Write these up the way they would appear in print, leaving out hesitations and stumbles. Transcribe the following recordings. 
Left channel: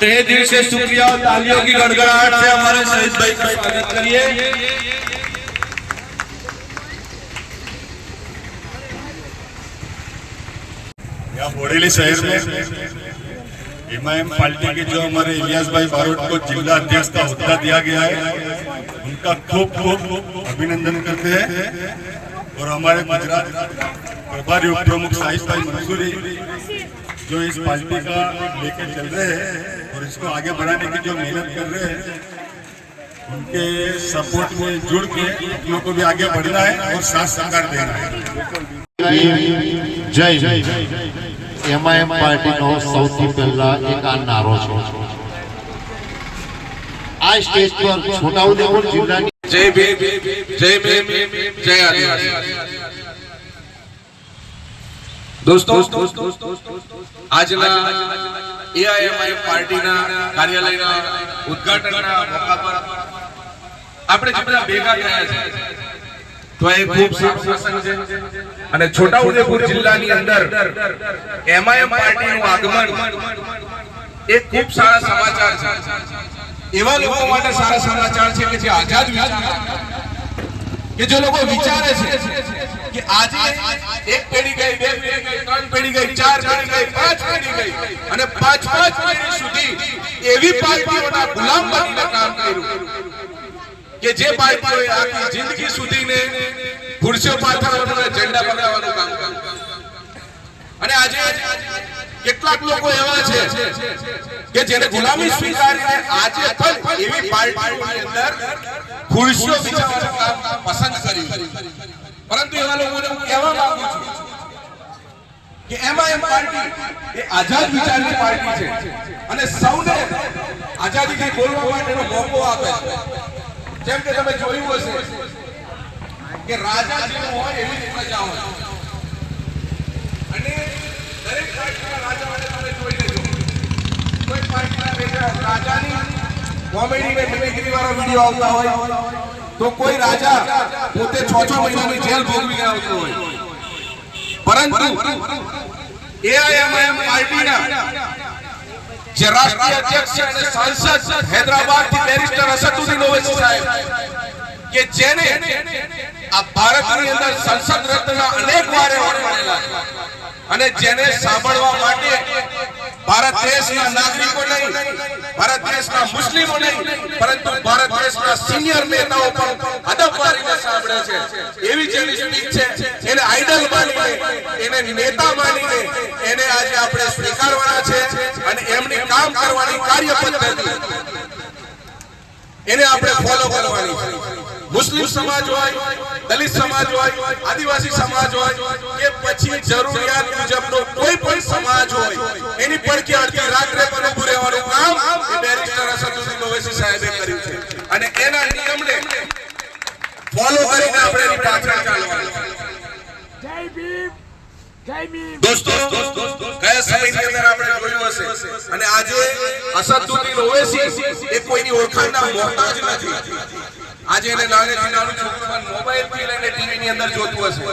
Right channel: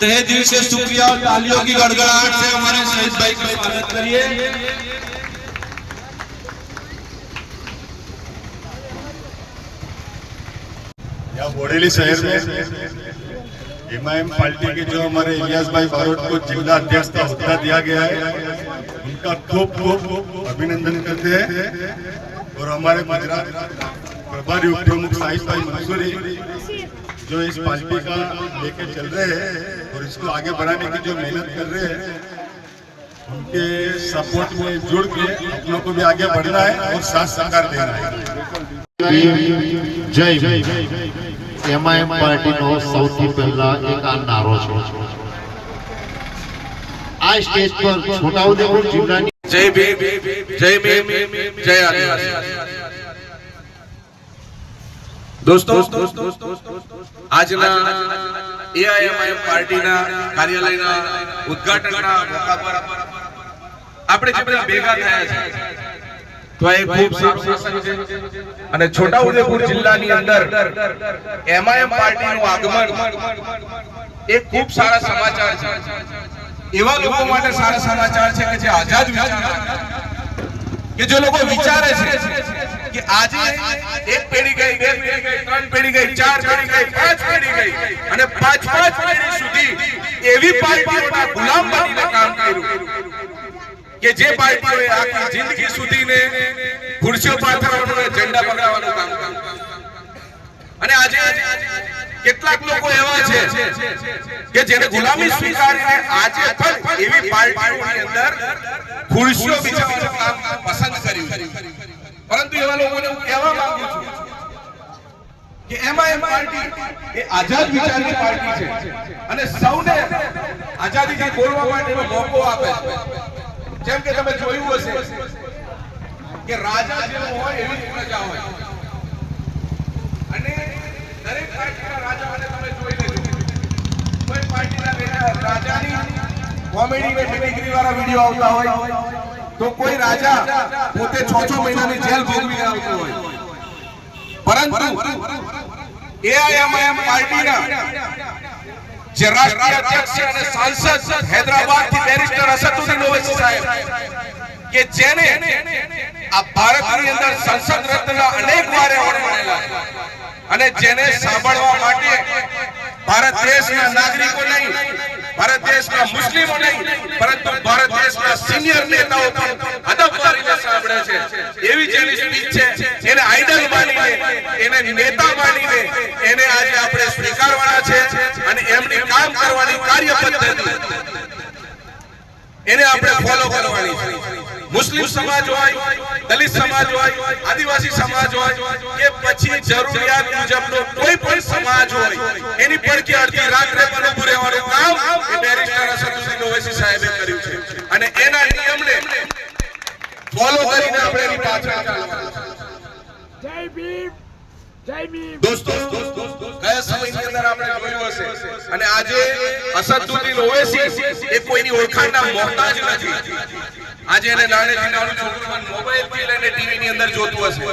तो ये दिल से शुक्रिया और तालियों की गड़गड़ाहट से हमारे शहीद भाई का स्वागत करिए। यहाँ बोरेली शहर में एमआईएम पार्टी के जो हमारे इलियास भाई बारोट को जिला अध्यक्ष का होद्दा दिया गया है, उनका खूब खूब अभिनंदन करते हैं। और हमारे गुजरात प्रभारी उप प्रमुख साहिब भाई मंसूरी जो इस पार्टी का लेके चल रहे हैं और इसको आगे बढ़ाने की जो मेहनत कर रहे हैं, उनके सपोर्ट में जुड़ के अपनों को भी आगे बढ़ना है और साथ सहकार देना है। जय एमआईएम पार्टी नो સૌથી પહેલા એક આ નારો છે। આ સ્ટેજ પર છોટાઉદેપુર જિલ્લાની जय भीम, जय भीम, जय आदिवासी। दोस्तों આજના એઆઈએમઆઈએમ પાર્ટીના કાર્યાલયના ઉદ્ઘાટનના મોકા પર આપણે જે બધા ભેગા થયા છે તો એ ખૂબ સારું પ્રસંગ છે અને છોટાઉદેપુર જિલ્લાની અંદર એમઆઈએમ પાર્ટીનું આગમન એ ખૂબ સારા સમાચાર છે। એવા લોકો માટે સારા સમાચાર છે કે જે આઝાદ વિચાર કે જે લોકો વિચારે છે કે આજે એક પેઢી ગઈ, બે પેઢી ગઈ, ત્રણ પેઢી ગઈ, ચાર પેઢી ગઈ, પાંચ પેઢી ગઈ અને પાંચ પેઢી સુધી એવી પાર્ટીઓના ગુલામ બનીને કામ કર્યું કે જે પાર્ટીઓએ આખી જિંદગી સુધીને ખુરશીઓ પાથરવાનું અને ઝંડા પકડાવવાનું કામ કર્યું। અને આજે કેટલાક લોકો એવા છે કે જેને ગુલામી સ્વીકારીને આજે પણ એવી પાર્ટીઓની અંદર ખુરશીઓ બિછાવવાનું કામ પસંદ કર્યું। પરંતુ એવા લોકોને હું કહેવા માંગુ છું કે એમઆઈએમ પાર્ટી એ આઝાદ વિચારની પાર્ટી છે અને સૌને આઝાદીથી બોલવા માટેનો મોકો આપે છે। જેમ કે તમે જોયું હશે કે રાજા જેવો હોય એવી જ પ્રજા હોય અને દરેક પાર્ટીના રાજાઓને તમે જોઈ લેજો, કોઈ પાર્ટીના રાજાની કોમેડી ને મિમિક્રી વાળા વિડિયો આવતા હોય તો કોઈ રાજા પોતે 6 મહિનાની જેલ ભોગવી આવતો હોય। પરંતુ એઆઈએમઆઈએમ પાર્ટીના જે રાષ્ટ્રીય અધ્યક્ષ અને સાંસદ હૈદરાબાદથી બેરિસ્ટર અસદુદ્દીન ઓવૈસી સાહેબ કે જેને આ ભારતની અંદર સંસદ રત્નના અનેક વાર એવોર્ડ મળેલા અને જેને સાંભળવા માટે ભારત દેશના નાગરિકો નહીં, ભારત દેશના મુસ્લિમો નહીં, પરંતુ ભારત દેશના સિનિયર નેતાઓ પણ અદબ કરીને સાંભળે છે। એવી જેની સ્પીચ છે એને આઈડલ માનીને, એને નેતા માનીને એને આજે આપણે સ્વીકારવાના છે અને એમની કામ કરવાની કાર્ય પદ્ધતિ એને આપણે ફોલો કરવાની છે। મુસ્લિમ સમાજ હોય, દલિત સમાજ હોય, આદિવાસી સમાજ હોય કે પછી જરૂરિયાત મુજબનો કોઈ પણ સમાજ હોય, એની પડખે અડધી રાત્રે પણ ઊભું રહેવાનું કામ એ બેરિસ્ટર અસદુદ્દીન ઓવૈસી સાહેબે કર્યું છે અને એના નિયમને ફોલો કરીને આપણે એની પાછળ ચાલવાનું છે। જય ભીમ, જય ભીમ। દોસ્તો ગયા સમયની અંદર આપણે જોયું હશે અને આજે અસદુદ્દીન ઓવૈસી એ કોઈની ઓળખાણના મોહતાજ નથી। આજે એને નાનેથી નાનું છોકરું મોબાઈલથી લઈને ટીવીની અંદર જોતું હશે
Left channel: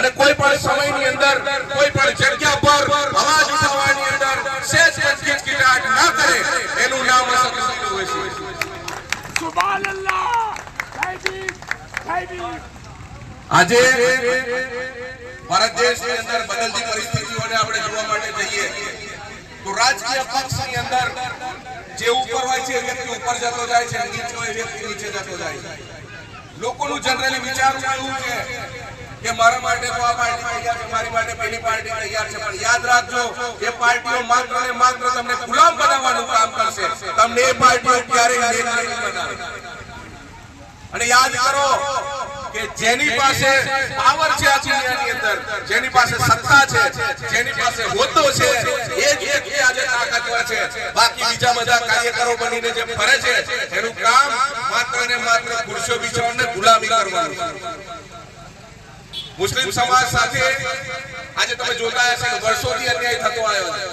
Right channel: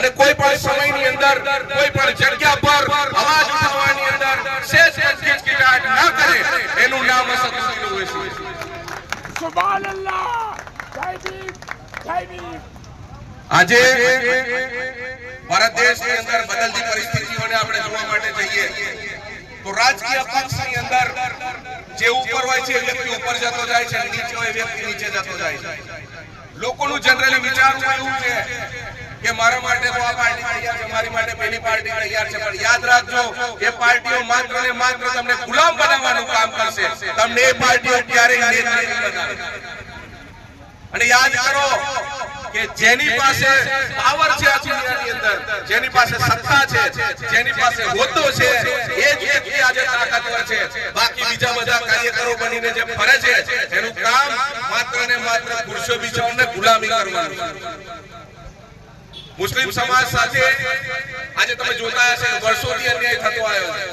અને કોઈ પણ સમયની અંદર કોઈ પણ જગ્યા પર અવાજ ઉઠાવવાની અંદર સેજ ખિચખિચાટ ના કરે એનું નામ અસદુદ્દીન ઓવૈસી। સુબહાનલ્લાહ, જય ભીમ, જય ભીમ। આજે ભારત દેશની અંદર બદલતી પરિસ્થિતિઓને આપણે જોવા માટે જઈએ તો રાજકીય પક્ષની અંદર જે ઉપર હોય છે એ વ્યક્તિ ઉપર જતો જાય છે, નીચે હોય એ વ્યક્તિ નીચે જતો જાય છે। લોકોનું જનરલી વિચારવું એવું છે કે મારા માટે તો આ પાર્ટી તૈયાર છે, મારી માટે પેલી પાર્ટી તૈયાર છે, પણ યાદ રાખજો એ પાર્ટીઓ માત્ર ને માત્ર તમને ગુલામ બનાવવાનું કામ કરશે, તમને એ પાર્ટીઓ ક્યારેય નેતા નહીં બનાવે। અને યાદ કરો કે જેની પાસે પાવર છે આ દુનિયાની અંદર, જેની પાસે સત્તા છે, જેની પાસે હોદ્દો છે, એ જ વ્યક્તિ આજે તાકાતવર છે। બાકી બીજા બધા કાર્યકરો બનીને જે ફરે છે એનું કામ માત્ર ને માત્ર ખુરશીઓ બિછાવવાને ગુલામી કરવાનું છે। મુસ્લિમ સમાજ સાથે આજે તમે જોતા હશો કે વર્ષોથી અન્યાય થતો આવ્યો છે।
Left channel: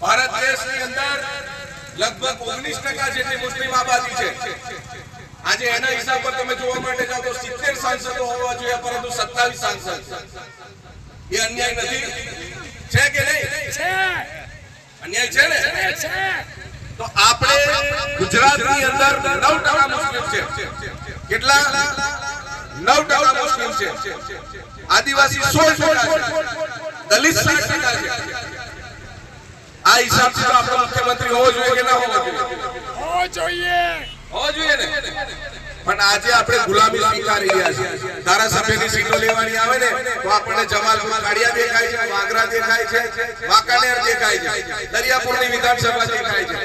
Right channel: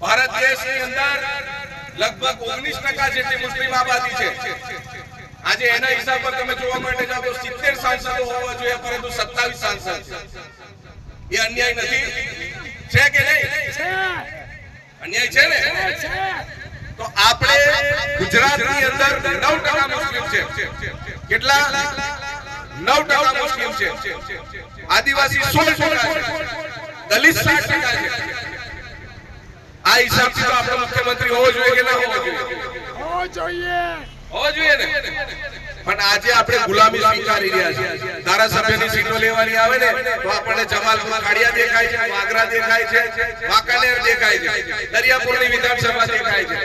ભારત દેશની અંદર લગભગ 19% જેટલી મુસ્લિમ આબાદી છે। આજે એના હિસાબ પર તમે જોવા માટે જાઓ તો 70 સાંસદો હોવા જોઈએ પરંતુ 27 સાંસદ છે। એ અન્યાય નથી? છે કે નહીં? છે અન્યાય છે ને? છે તો આપણે ગુજરાતની અંદર 9% મુસ્લિમ છે. કેટલા? 9% મુસ્લિમ છે. આદિવાસી 16% છે. દલિત 7% છે. આ હિસાબથી તો આપણો મુખ્યમંત્રી હોવો જોઈએ કે ના હોવો જોઈએ? હોવો જોઈએ હોવો જોઈએ ને. પણ આજે આપણે ગુલામી સ્વીકારી રહ્યા છીએ. ધારાસભ્યની સીટો લેવાની આવે ને તો આપણને જમાલપુર ખાડિયા દેખાય છે, વાગરા દેખાય છે, વાંકાનેર દેખાય છે, દરિયાપુરની વિધાનસભા દેખાય છે.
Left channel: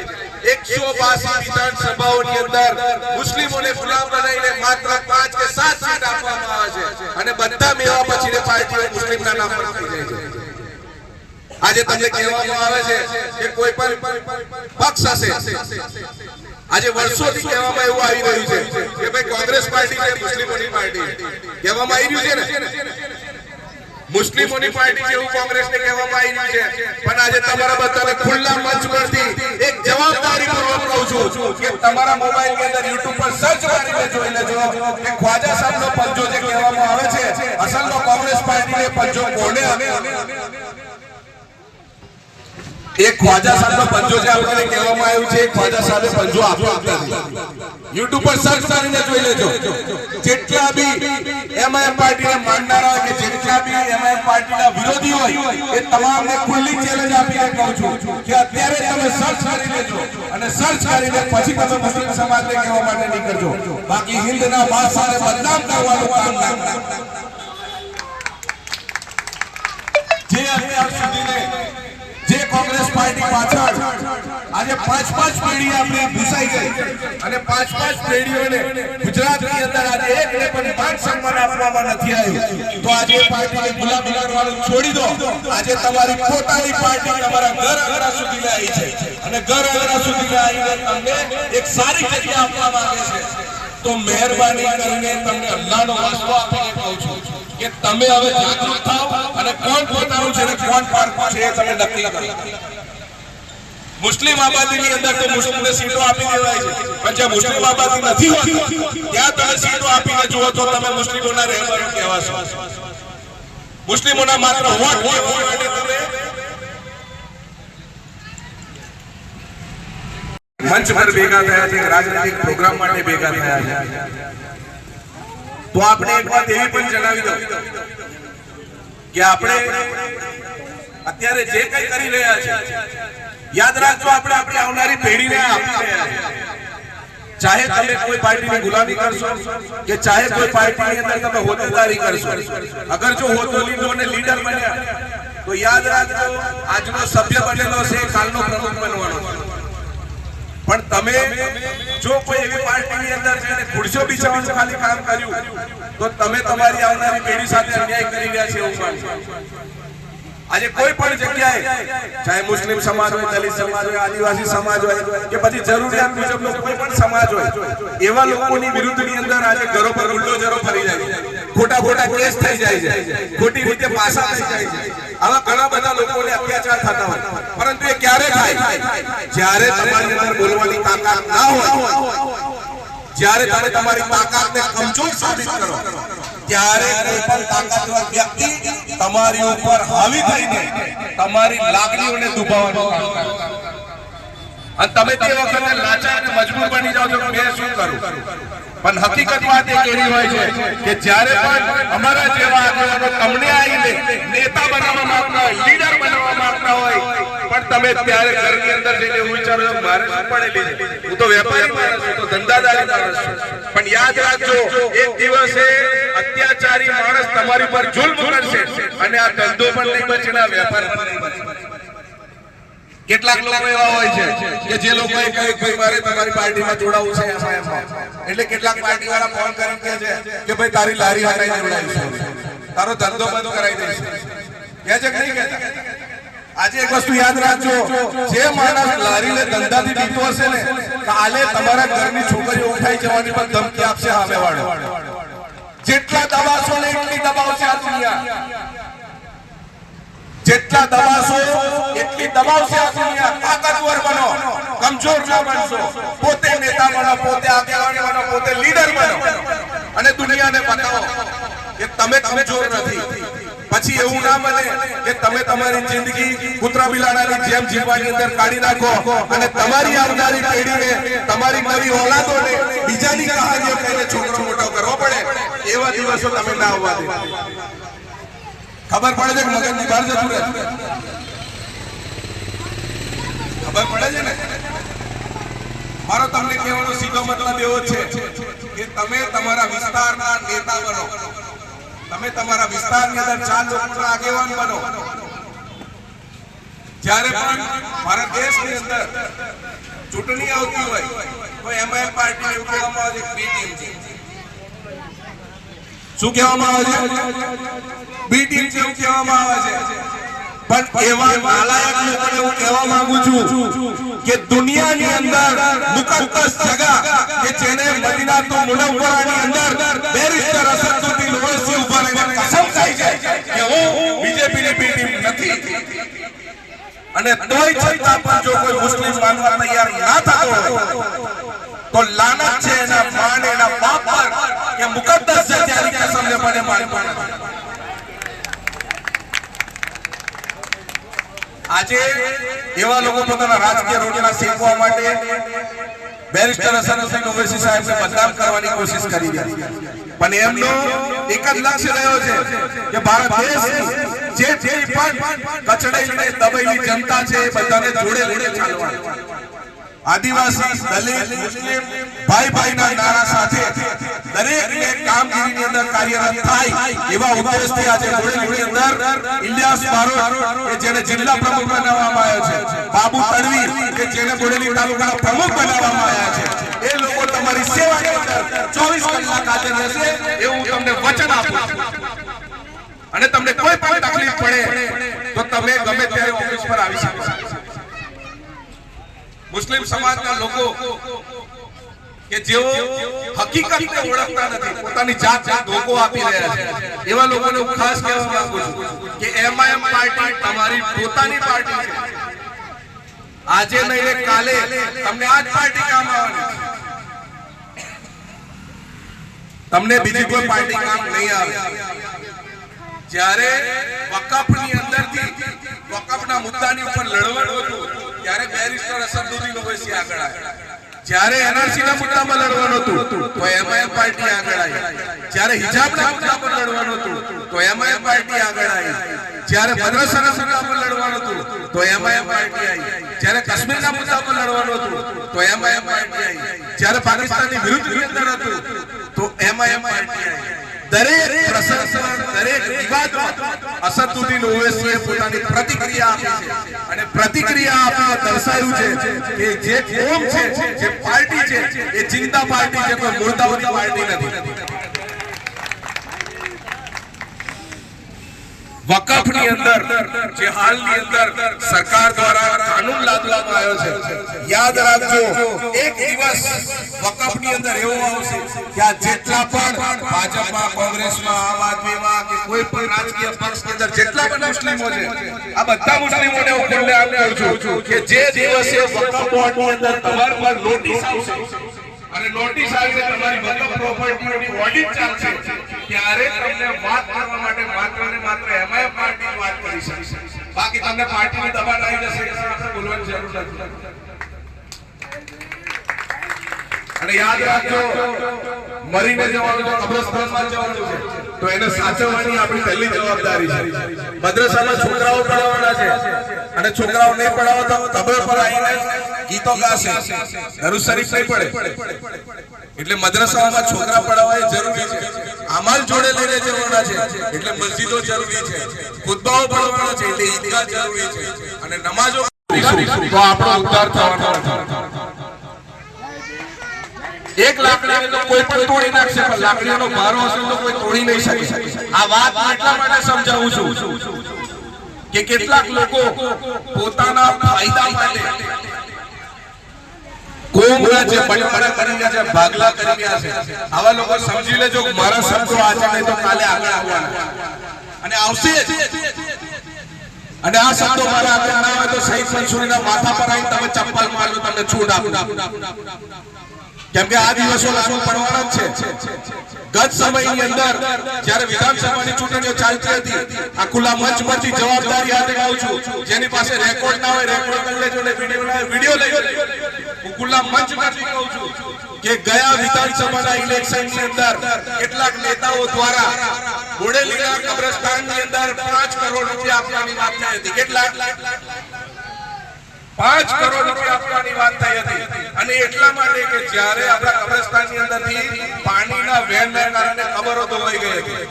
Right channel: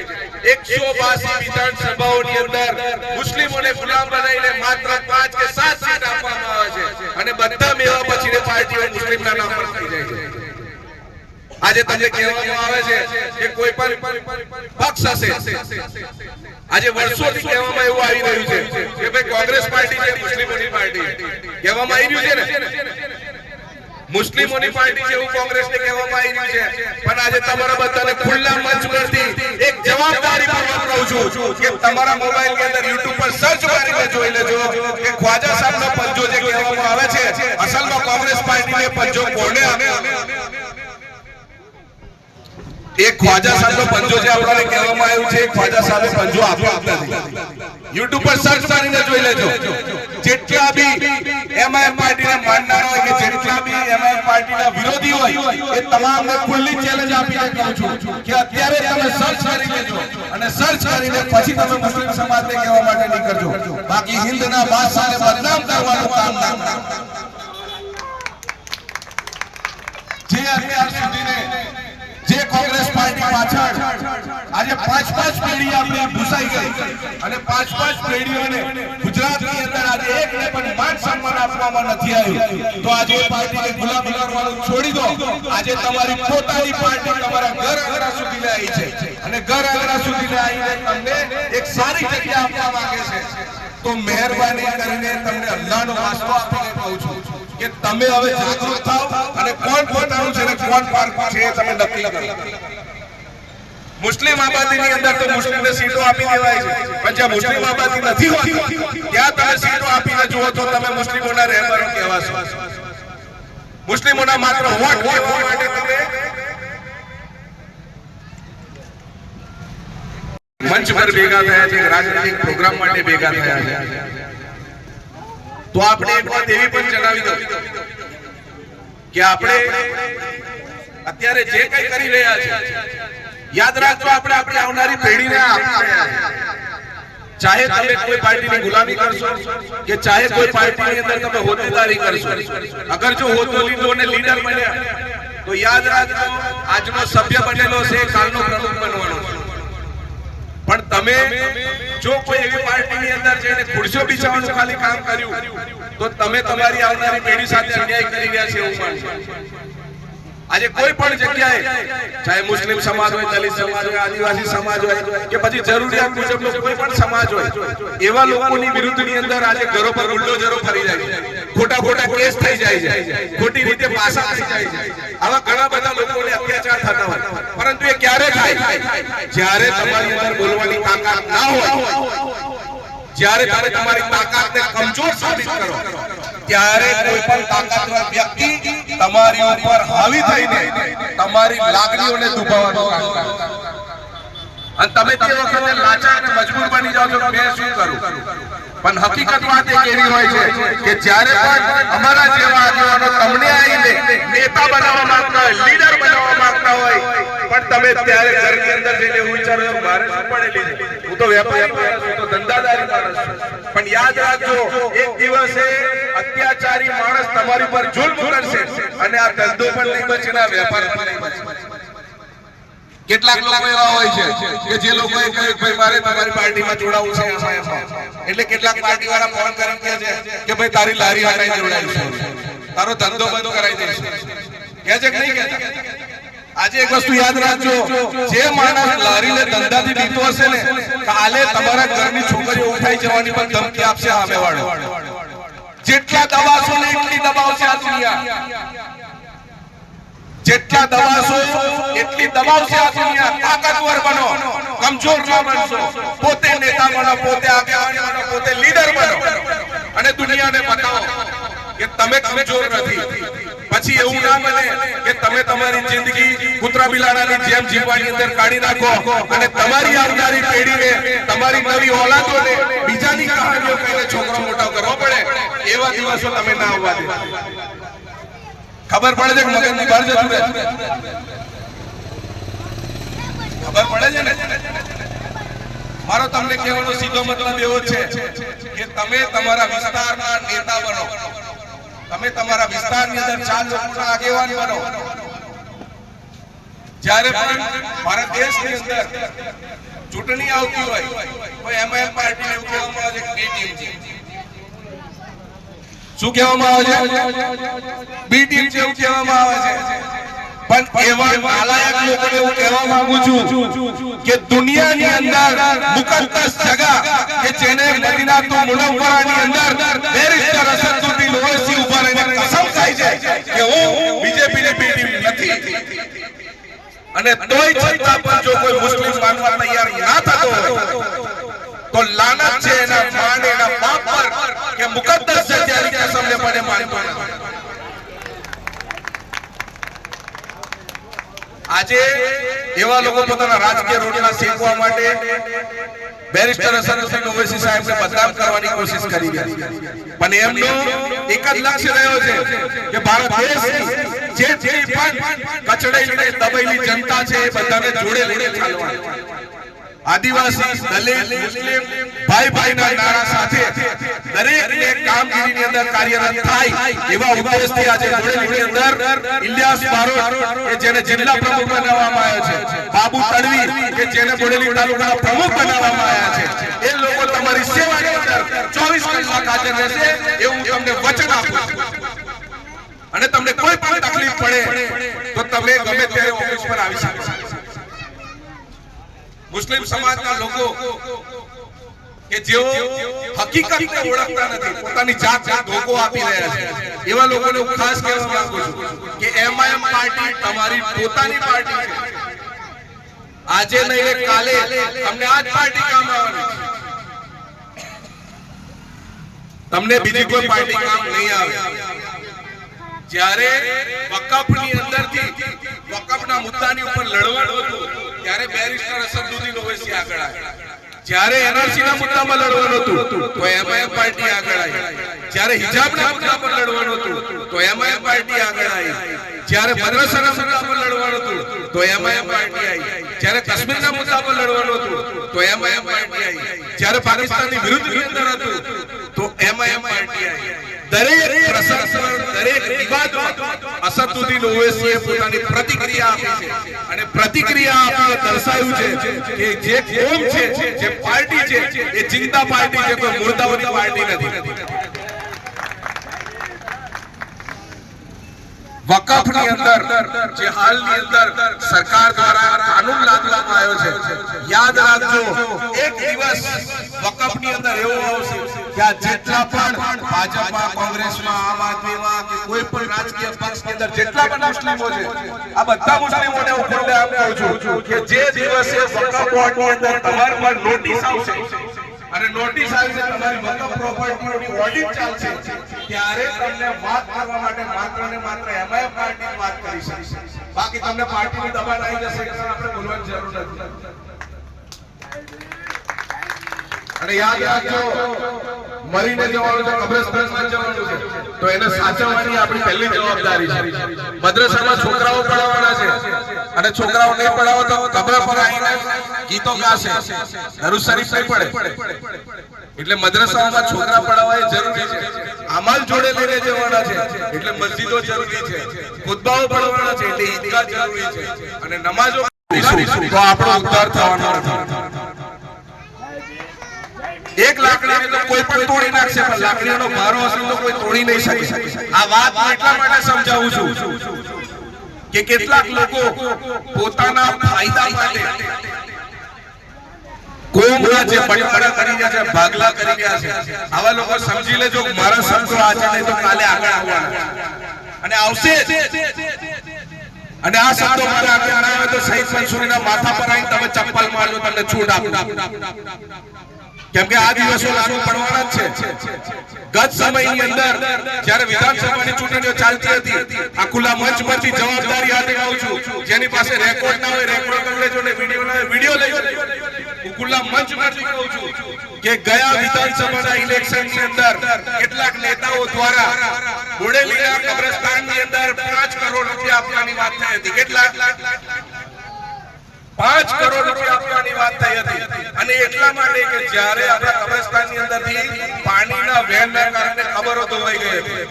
182 વિધાનસભાઓની અંદર મુસ્લિમોને ગુલામ બનાવીને માત્ર 5 કે 7 સીટ આપવામાં આવે છે અને બધા મેવા પછીની પાર્ટીઓ મુસ્લિમના નામ પર થઈ જાય છે. આજે તમને કહેવામાં આવે છે કે કોઈ પણ પક્ષ હશે, આજે વર્ષોથી કહેવામાં એવું આવી રહ્યું છે કે ભાઈ કોંગ્રેસ પાર્ટી છે મુસ્લિમોની પાર્ટી કહેવામાં આવી રહ્યું છે ને, મુસ્લિમોની પાર્ટી છે એવું કોંગ્રેસને કહેવામાં આવી રહ્યું છે. પણ આજે તમારા બધાને ખુલ્લા મંચ પરથી એક જવાબદારી પૂર્વક કહું છું કે તમારા મોબાઈલની અંદર YouTube પર સર્ચ મારીને જોઈ લેજો કે ખ્વાજા સાહેબનો પંજો જે કહેવામાં આવે છે અસલમાં કોંગ્રેસ પાર્ટીને પંજો કોને આપ્યો? એક ખ્વાજા સાહેબનો પંજો જે આપણને કહેવામાં આવ્યું છે, ખ્વાજા સાહેબે પંજો આપ્યો નથી. YouTube પર સર્ચ કરીને જોઈ લેજો. જેટલા બી એમઆઈએમ પાર્ટીને માનનારા હોય કે જેટલા બી એમઆઈએમ પાર્ટીના વિરોધી હોય એ તમામને ખુલ્લી ચેલેન્જ આપીને કહું છું કે અત્યારે તમે સર્ચ કરી લેજો અને સર્ચ કરીને પછી તમે મુસ્લિમ સમાજને કહેવા માટે નીકળજો. બાકી હિન્દના બાદશાહને બદનામ કરવાનું કામ ના કરો. જે અત્યાર સુધીને જે કોંગ્રેસ પાર્ટી પાછળ આજે 5-5 પેઢી આપણી ભૂસાઈ ગઈ અને 5-5 પેઢીઓને ગુજરાતની અંદર આજે એકને પણ માન સન્માન આપવામાં નથી આવ્યું, તો આજે પાર્ટીને ગુલામ કરવાનું છોડી દો. આજે તમારી પોતાની પાર્ટી તમારા ઘર આંગણા સુધી આવી છે અને ઘર આંગણા સુધી આવીને તમને એક સારી જગ્યા આપવા માંગે છે. તો મહેરબાની કરીને તમને અલ્લાહનો વાસ્તો આપીને કહું છું કે તમે હવે જાગૃત થાઓ અને કોણ પોતાનું છે ને કોણ પારખું છે એ તમે નક્કી કરો. મુસ્લિમ આબાદીની અંદર તો મુસ્લિમને સીટો આપી દેવાય છે, પણ જ્યાં મુસ્લિમ આબાદી નથી હોતી ત્યાં તમે સીટો આપીને જુઓ તો તમે મુસ્લિમોના રહેબરો કહેવાશો. મુસ્લિમોના માત્ર વોટ માટે તમે મંચ પર ભેગા થયા છે, રાજનૈતિક પ્રોગ્રામ માટે ભેગા થયા છે. તો આપણે એક વાત એવી પણ જણાવી દઉં કે આપણે અત્યારે જે કંઈ કરી રહ્યા છે યાદ રાખજો આપણે આપણી આવનારી પેઢીને આપી રહ્યા છે. ચાહે તમે કોઈ પાર્ટીની ગુલામી કરશો કે ચાહે કોઈ પાર્ટીની અંદર તમે હોદ્દેદારી કરશો, અગર જો હોદ્દો લીધો અને લીડર બન્યા તો યાદ રાખજો આજનો સભ્ય બનેલો છે કાલનો પ્રમુખ બનવાનો છે. પણ તમે જો કોઈ એવી પાર્ટીની અંદર જઈને ખુરશીઓ બિછાવવાનું ખાલી કામ કર્યું તો તમે તમારી આવનારી પેઢી સાથે અન્યાય કરી રહ્યા છે એવું માનશો. આજે કોઈ પણ જગ્યાએ ચાહે મુસ્લિમ સમાજ હોય, દલિત સમાજ હોય, આદિવાસી સમાજ હોય કે પછી જરૂરિયાત મુજબનો કોઈ પણ સમાજ હોય, એવા લોકોની વિરુદ્ધની અંદર આજે ઘરો પર બુલડોઝરો ફરી જાય છે, ખોટા કેસ થઈ જાય છે, ખોટી રીતે પાસા થઈ જાય છે. આવા ઘણા બધા લોકોને અત્યાચાર થતા હોય, પરંતુ એ ક્યારે થાય? જ્યારે તમારી અંદર બોલવાની તાકાત ના હોય, જ્યારે તમે તમારી તાકાતને કમજોર સાબિત કરો, ત્યારે કોઈ પણ તાકાતવર વ્યક્તિ તમારી ઉપર હાવી થઈને તમારી લાગણીઓને દુભાવવાનું કામ કરે અને તમે તે વખતે લાચાર અને મજબૂર બની જાઓ છો કે મેં શું કરું. પણ હકીકત વાત એક એવી હોય છે કે જ્યારે પણ અમારા જેવા આગેવાનો તમને આવીને નેતા બનાવવા માંગતા હોય, લીડર બનાવવા માંગતા હોય, પણ તમે ત્યારે ઘરની અંદર જઈને એવું વિચારો છો મારે શું પડેલી છે, હું તો વેપારી માણસ છું, તો ધંધાદારી માણસ છું. પણ યાદ રાખજો એક દિવસે અત્યાચારી માણસ તમારી પર જુલ્મ કરશે અને આ ધંધો પણ નહીં બચે ને આ વેપાર પણ નહીં બચે. કેટલાક લોકો એવા હોય છે કે જે લોકો કહે ભાઈ મારે તમારી પાર્ટીમાં જોડાવું છે એટલે કેટલાક પાર્ટી વાળા ફોન કરીને કહે છે કે ભાઈ તારી લારી હટાઈ જોડાઈશું, તારો ધંધો બંધ કરાવી દઈશું. કહે છે કે નહીં કહેતા? આજે એક વસ્તુ યાદ રાખજો, જે માણસ લારીને ધંધાથી બીતો હશે ને કાલે તમારા ઘરની છોકરીઓ ઉઠાઈ જવાની પણ ધમકી આપશે સામેવાળો. જેટલા દબાશો ને એટલી દબાવશે આ દુનિયા, જેટલા દબાશો એટલી દબાવશે આ દુનિયા. તાકાતવર બનો, કમજોર ના બનશો. પોતે નેતા બનો, પોતે આગેવાન બનો, પોતે લીડર બનો અને દુનિયાને બતાવો કે તમે કમજોર નથી, પછી એવું ના બને કે તમે તમારી જિંદગી કૂતરા બિલાડાની જેમ જીવવાની અંદર કાઢી નાખો અને તમારી આવનારી પેઢીને, તમારી નવી ઓલાદોને બીજાની કહાનીઓ કહીને છોકરો મોટો કરવો પડે, એવા દિવસો તમે ના આવવા દે. ખબર પડે છે કે મગજની બહાર જતું રહે? ખબર પડે છે ને? મારો તમને કહેવાનો સીધો મતલબ એવો છે કે તમે તમારા વિસ્તારના નેતા બનો, તમે તમારા વિસ્તારની અંદર 4 લોકોના આગેવાન બનો. જ્યારે પણ ભારત દેશની અંદર ચૂંટણી આવતી હોય તો એમઆઈએમ પાર્ટીને એવું કહેવામાં આવે છે કે બી ટીમ છે. શું કહેવામાં આવે છે? બી ટીમ છે એવું કહેવામાં આવે છે. પણ એવા નાલાયક લોકોને હું કહેવા માંગુ છું કે દુનિયાની અંદર મુકદ્દસ જગા કે જેને મદીનાતુલ મુનવ્વરાની અંદર બેરિસ્ટર અસદુદ્દીન ઓવૈસી ઉભા રહીને કસમ ખાઈ છે કે હું બીજેપીની બી ટીમ નથી, અને તોય છતાં પણ જો કોઈ મુસ્લિમ માનવા તૈયાર ના થતો હોય તો લાનત છે એના માન, એના બાપ પર કે મુકદ્દસ છે ત્યારે કસમને પડે માનવા. આજે એવા લોકો પોતાના રાજકીય રોટલા શેકવા માટે બેરિસ્ટર અસદુદ્દીન ઓવૈસી સાહેબને બદનામ કરવાની કોશિશ કરી રહ્યા છે, પણ એમનો એક જ લક્ષ્ય રહ્યો છે કે ભારત દેશની જે પણ કચડેલી દબાયેલી જનતા છે એ બધાને જોડે લઈને ચાલવાનું. આદિવાસી, દલિત, મુસ્લિમ ભાઈ ભાઈના નારા સાથે દરેકને કામગીરીની અંદર કાર્યરત થાય એવા ઉદ્દેશથી આજે બોડેલીની અંદર ઇલિયાસ બારોટ કે જેને જિલ્લા પ્રમુખ બનાવવામાં આવ્યો છે, બાબુ તડવી કે જેને બોડેલી તાલુકાના પ્રમુખ બનાવવામાં આવ્યા છે, એ લોકો તમારી સેવાની અંદર 24 કલાક હાજર રહેશે એવું તમને વચન આપું છું. અને તમને કોઈ પણ તકલીફ પડે તો તમે ગમે ત્યારે ઓફિસ પર આવી શકો. મુસ્લિમ સમાજના લોકો કે જેઓ હકીકતને ઓળખતા નથી, પોતાની જાતને ધોકો આપી રહ્યા છે, એવા લોકોને હું ખાસ કહેવા માંગુ છું કે એમઆઈએમ પાર્ટી તમારી પોતાની પાર્ટી છે. આજે નહીં કાલે તમને આ જ પાર્ટી કામ આવવાની, તમને બીજી કોઈ પાર્ટી કામ નહીં આવે. જ્યારે વકફની અંદરથી વકફના મુદ્દાની ઉપર લડવાનું હતું ત્યારે બેરિસ્ટર અસદુદ્દીન ઓવૈસી આગળ આવ્યા. જ્યારે એનઆરસીના મુદ્દામાં લડવાનું હતું તો એમઆઈએમ પાર્ટી આગળ આવી. જ્યારે હિજાબના મુદ્દા પર લડવાનું હતું તો એમઆઈએમ પાર્ટી આગળ આવી. જ્યારે મદ્રસાના મુદ્દા પર લડવાનું હતું તો એમઆઈએમ પાર્ટી આવી. જ્યારે કાશ્મીરના મુદ્દા પર લડવાનું હતું તો એમઆઈએમ પાર્ટી આવી. જ્યારે પાકિસ્તાનની વિરુદ્ધની અંદર હતું તો એમઆઈએમ પાર્ટી આવી. દરેક પ્રસંગ, દરેક વિવાદમાં અસદુદ્દીન ઓવૈસીએ પોતાની પ્રતિક્રિયા આપી છે, અને પ્રતિક્રિયા આપીને દર્શાવ્યું છે કે જે કોમ છે, જે પાર્ટી છે એ જિંદા પાર્ટી છે, કોઈ મુર્દાઓની પાર્ટી નથી. વકફની અંદર જે હાલની અંદર સરકાર દ્વારા કાનૂન લાદવામાં આવ્યો છે, યાદ રાખજો એક દિવસ વકફની અંદર એવું આવશે કે આ જેટલા પણ ભાજપમાં, કોંગ્રેસમાં, આમ આદમીમાં કે કોઈ પણ રાજકીય પક્ષની અંદર જેટલા પણ મુસ્લિમો છે, આ બધા મુસ્લિમોને હું ખુલ્લે આમ કહું છું કે જે દિવસે વકફ બોર્ડની અંદર તમારા પર નોટિસ આવશે અને નોટિસ આવીને તમારી વકફ પ્રોપર્ટીઓની ઓડિટ ચાલશે, ત્યારે તમને વાત કરવા માટે માત્ર ને માત્ર એમઆઈએમ પાર્ટી વાત કરી શકશે. બાકી તમને પાર્ટીનું દબાણ આવી જશે કે આપણે બોલવાની જરૂર નથી. અને યાદ રાખજો, મરીને જવાનું છે, કબ્રસ્તાનમાં જવાનું છે, તો એને સાચવવાની આપણી પહેલી જવાબદારી છે. મદ્રસામાં છોકરાઓ પઢાવવાના છે અને છોકરાઓ નહીં પઢાવો તો કબ્ર પર આવીને ગીતો ગાશે, દરૂદ શરીફ નહીં પડે. એટલે મદ્રસાઓમાં છોકરા પઢાવવા એ જરૂરી છે. અમાલ જોડે લઈને જવાના છે એટલે મસ્જિદો જરૂરી છે, ખુતબાઓ પઢાવવાના છે એટલે ઈદગાહ જરૂરી છે, અને નમાજો તો આપણો ઉદ્ધાર થવાનો નથી. એક લાકડીને તો કોઈ પણ તોડી નાખશે, પણ લાકડીનો ભારો હશે તો કોઈ તોડી નહીં શકે. આ વાત એટલા માટે સમજાવું છું કે કેટલાક લોકો પોતાના ફાયદા માટે કોમના જે બટપડા કરી રહ્યા છે, ભાગલા કરી રહ્યા છે, આવા લોકો સમજી લેજો કે મારા શબ્દો આજે નહીં તો કાલે આગળ આવવાના અને આવશે. અને આ શબ્દો મારા આગળ ના આવે તો શહીદ મંસૂરીના માથા પર આવીને તમે ચપ્પલ મારજો, તમને છૂટ આપું. કેમ કે આ દિવસો લાગુ પડવાના જ છે. ગત સમયની અંદર જ્યારે વિધાનસભાની ચૂંટણીઓ ચાલતી હતી, આ ખુલ્લા મંચ પરથી જવાબદારી હાથે કહું છું, જેની પાસે રેકોર્ડ ના હોય રેકોર્ડ કરી લેજો, ને વિડીયો ના હોય વિડીયો લઈ લેજો. હું ખુલ્લા મંચ પરથી કહું છું કે ગયા વિધાનસભાના ઇલેક્શનની અંદર કેટલાક નેતાઓ દ્વારા બોડેલીના કબ્રસ્તાનની અંદર 5 કરોડ રૂપિયા આપવાની વાત થઈ હતી. કેટલા? 5 કરોડ રૂપિયા આપવાની વાત થઈ હતી. અને એટલા માટે કે જ્યારે આપણા કબ્રસ્તાનની અંદરથી પાણીના વહેણના કારણે કબરો ધોવાઈ ગઈ હતી,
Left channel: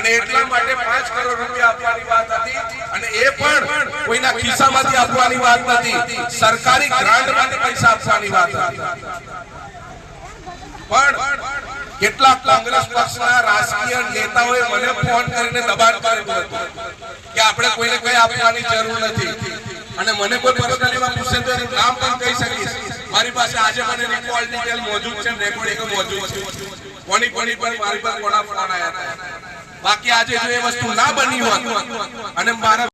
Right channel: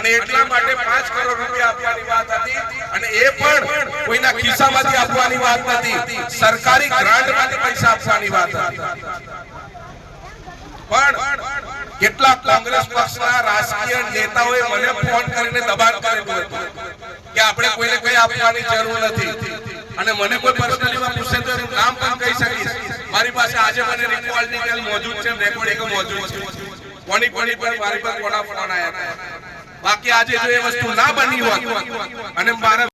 અને એટલા માટે 5 કરોડ રૂપિયા આપવાની વાત હતી. અને એ પણ કોઈના ખિસ્સામાંથી આપવાની વાત નથી, સરકારી ગ્રાન્ટમાંથી પૈસા આપવાની વાત હતી. પણ કેટલાક કોંગ્રેસ પક્ષના રાજકીય નેતાઓએ મને ફોન કરીને દબાણ કરેલું હતું કે આપણે કોઈને કંઈ આપવાની જરૂર નથી. અને મને કોઈ પર્સનલીમાં પૂછે તો એનું નામ પણ કહી શકીશ. મારી પાસે આજે મને રિકોલ ડિટેલ મોજૂદ છે, રેકોર્ડિંગ મોજૂદ છે, કોની પર મારી પર કોના ફોન આવ્યા હતા. બાકી આજે જો એ વસ્તુ ના બની હોત અને મારા